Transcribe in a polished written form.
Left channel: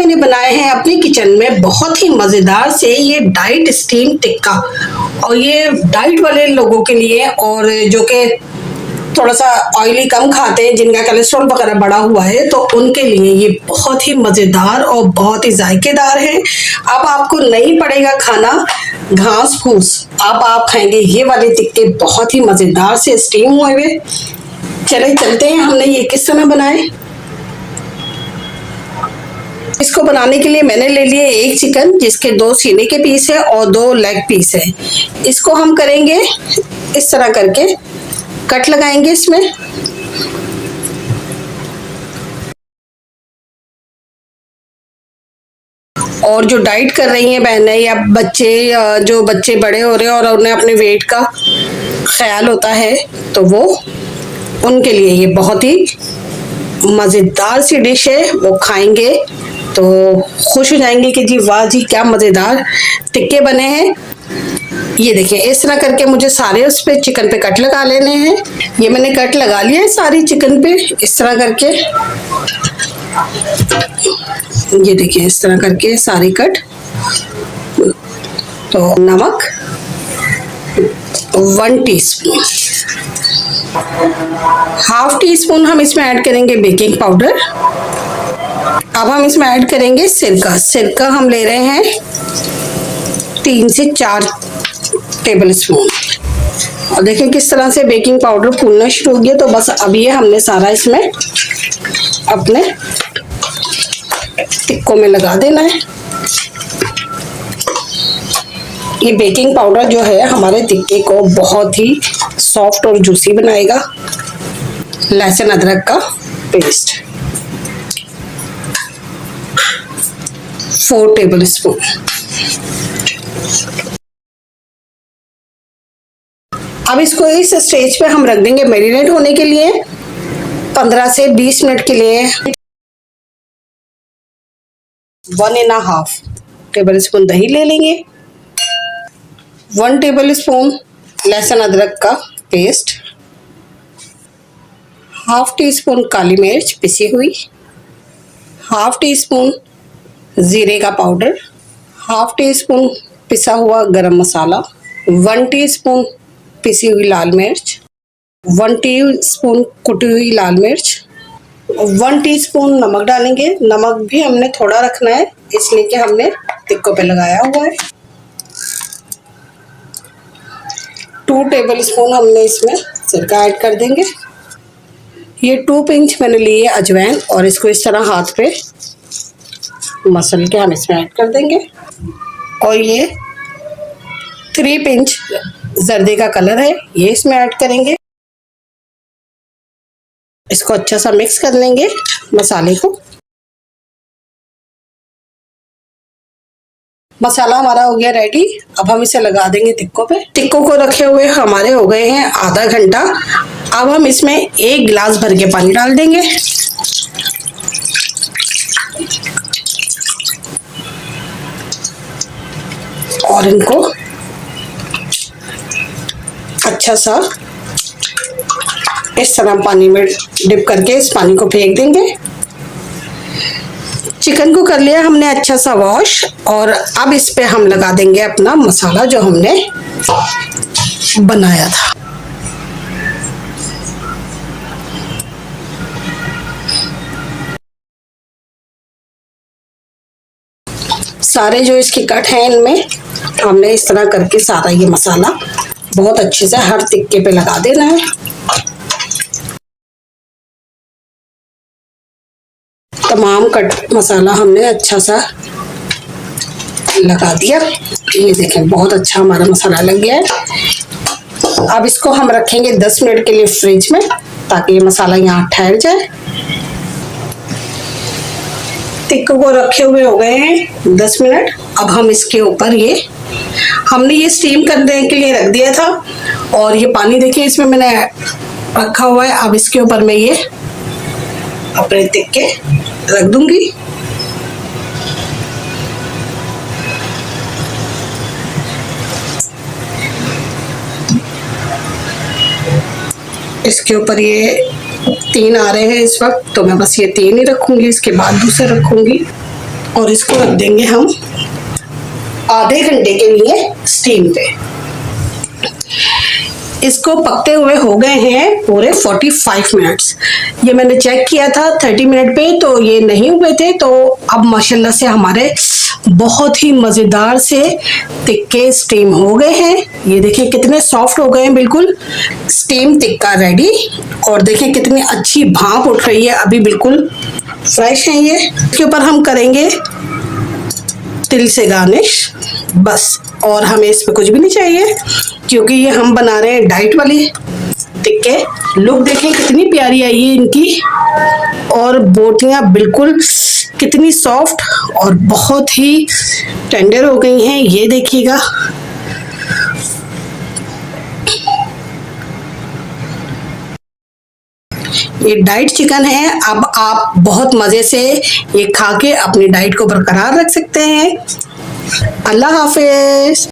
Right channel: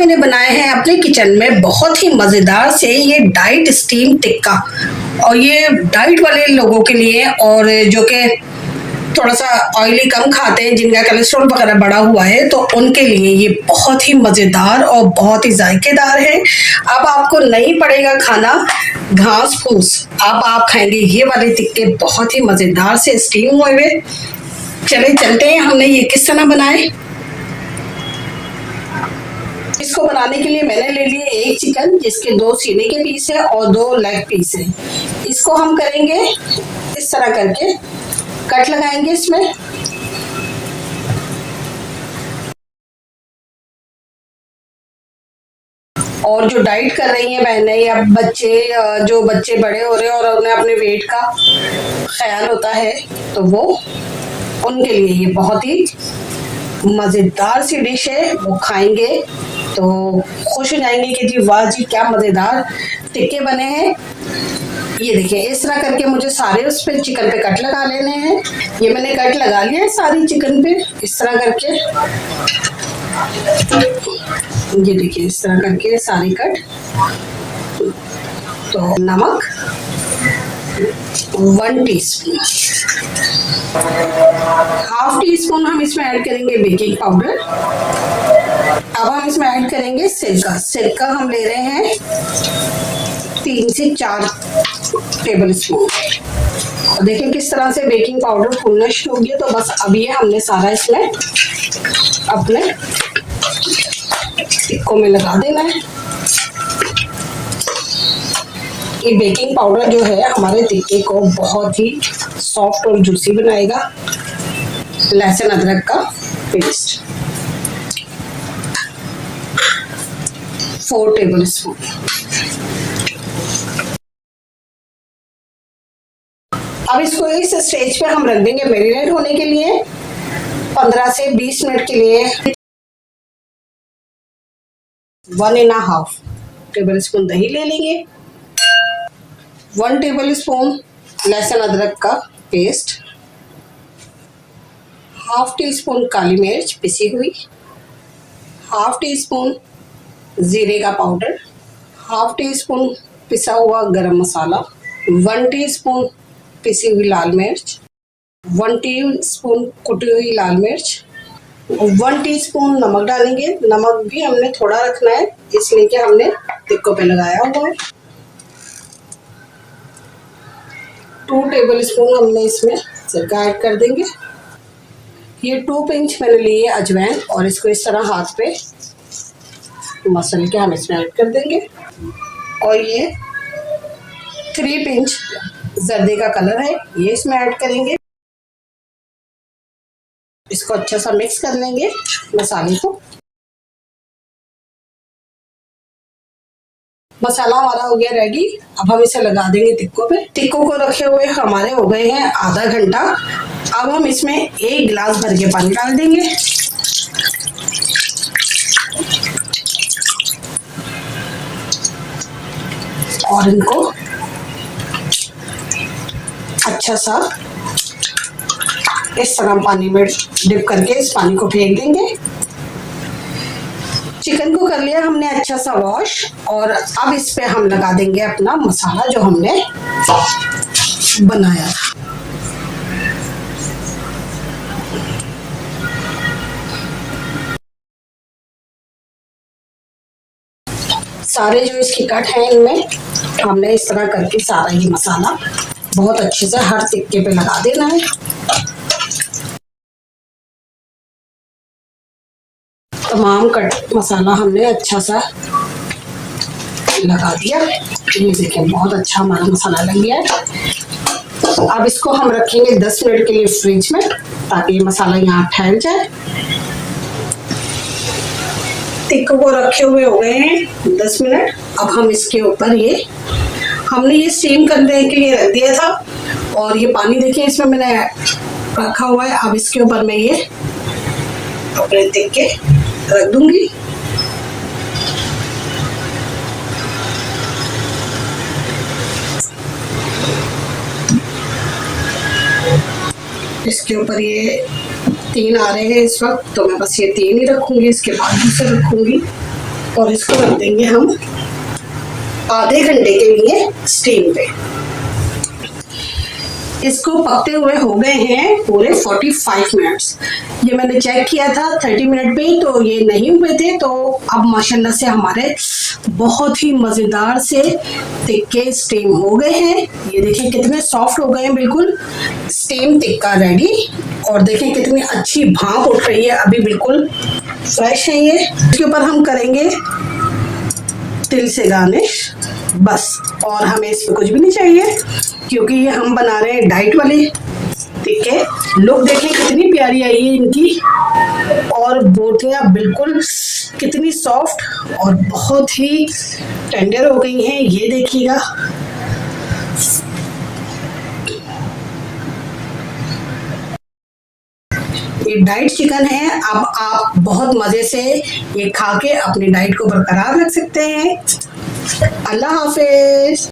मैंने बनाए हैं अपने किचन में बहुत ही मज़ेदार से ये डाइट स्टीम टिक्का, और ये डाइट वाले लोगों के लिए और जो कि थोड़ा सा ऑयली कम खाते हैं, जिनका कोलेस्ट्रॉल वगैरह बढ़ा हुआ है, तो उनके लिए ये बहुत ही मज़ेदार और बहुत ही जायकेदार है। अब आपको नहीं पड़ेगा खाना घास फूस, अब आप खाएंगे ये वाले टिक्के बहुत ही मज़ेदार से स्टीम हुए हुए। चले चलते हैं हमने ये किस तरह बनाए। इसको बनाने के लिए मैंने ले लिए एक चिकन, जिसके 2 सीने के पीस है और 2 लेग पीस है। इसको हम करेंगे इस तरह करके कट लगाएंगे इसमें। और जो डाइट कर रही हैं बहनें या बच्चे, जो बच्चे बड़े हो रहे हैं और उन्हें अपने वेट का ख्याल होता है, तो वो उनके लिए ये बहुत ही मज़ेदार सी डिश है। वो खाएंगे तो खुश हो जाएंगे कि जी वाह जी क्या मज़ेदार टिक्के बने हैं। ये देखिए इस तरह करके मुझे सारे उस पे चिकन पे कट लगा लेने हैं। ये मैंने कट लगा लिया है सारी चिकन पे इस तरह करके। ये देखिए इस तरह करके सारी कट। तो नमक 1 टीस्पून, ½ टीस्पून हम इसमें ऐड करेंगे बेकिंग पाउडर। अब हम इसमें ऐड करेंगे सिरका। सिरका हम ले रहे हैं 3 से 4 टेबल स्पून। और देखिए किस तरह से बेकिंग पाउडर फूलना शुरू हो गया। तो बस अब ये हमने सारा इसमें अपने टिक्कों में लगा देना है। ये बेकिंग पाउडर जो है हमारे टिक्के को बहुत ही सॉफ्ट और जूसी बनाएगा। लहसुन अदरक का पेस्ट 4 टेबल स्पून। अब इसको इस स्टेज पे हम रख देंगे मैरिनेट होने के लिए 15 से 20 मिनट के लिए। 1½ टेबल स्पून दही ले लेंगे, 1 टेबल स्पून लहसुन अदरक का पेस्ट, ½ टीस्पून काली मिर्च पिसी हुई, ½ टीस्पून जीरे का पाउडर, ½ टीस्पून पिसा हुआ गरम मसाला, 1 टीस्पून पिसी हुई लाल मिर्च, 1 टीस्पून कुटी हुई लाल मिर्च, 1 टीस्पून नमक डालेंगे। नमक भी हमने थोड़ा रखना है इसलिए कि हमने टिक्कों पे लगाया हुआ है। 2 टेबल स्पून हमने इसमें सिरका ऐड कर देंगे। ये 2 पिंच मैंने लिए अजवाइन और इसको इस तरह हाथ पे मसल के हम इसमें ऐड कर देंगे। और ये 3 पिंच जर्दे का कलर है, ये इसमें ऐड करेंगे। इसको अच्छा सा मिक्स कर लेंगे मसाले को। मसाला हमारा हो गया रेडी। अब हम इसे लगा देंगे टिक्कों पे। टिक्कों को रखे हुए हमारे हो गए हैं आधा घंटा। अब हम इसमें 1 गिलास भर के पानी डाल देंगे। और इनको अच्छा सा इस तरह पानी में डिप करके इस पानी को फेंक देंगे। चिकन को कर लिया हमने अच्छा सा वॉश। और अब इस पे हम लगा देंगे अपना मसाला जो हमने बनाया था। सारे जो इसकी कट है इनमें हमने इस तरह करके सारा ये मसाला बहुत अच्छे से हर टिक्के पे लगा देना है। तमाम कट मसाला हमने अच्छा सा लगा दिया। ये देखें बहुत अच्छा हमारा मसाला लग गया है। अब इसको हम रखेंगे 10 मिनट के लिए फ्रिज में, ताकि ये मसाला यहाँ ठहर जाए। टिक्कों को रखे हुए हो गए हैं 10 मिनट। अब हम इसके ऊपर हमने ये स्टीम करने के लिए रख दिया था, और ये पानी देखिए इसमें मैंने रखा हुआ है। अब इसके ऊपर मैं ये अपने टिक्के रख दूंगी। इसके ऊपर ये 3 आ रहे हैं इस वक्त, तो मैं बस ये 3 ही रखूंगी, इसके बाद दूसरे रखूंगी। और इसको रख देंगे हम आधे घंटे के लिए स्टीम पे। इसको पकते हुए हो गए हैं पूरे 45 मिनट्स। ये मैंने चेक किया था 30 मिनट पे, तो ये नहीं हुए थे। तो अब माशाल्लाह से हमारे बहुत ही मज़ेदार से टिक्के स्टीम हो गए हैं। ये देखिए कितने सॉफ्ट हो गए हैं, बिल्कुल स्टीम टिक्का रेडी। और देखिए कितनी अच्छी भाप उठ रही है, अभी बिल्कुल फ्रेश है ये। इसके ऊपर हम करेंगे तिल से गार्निश बस, और हमें इस पे कुछ भी नहीं चाहिए क्योंकि ये हम बना रहे हैं डाइट वाले टिक्के। लुक देखिए कितनी प्यारी आई है इनकी, और बोटियां बिल्कुल कितनी सॉफ्ट और बहुत ही टेंडर हो गई हैं। ये देखिएगा, ये डाइट चिकन है। अब आप बहुत मज़े से ये खा के अपनी डाइट को बरकरार रख सकते हैं। अल्लाह हाफिज।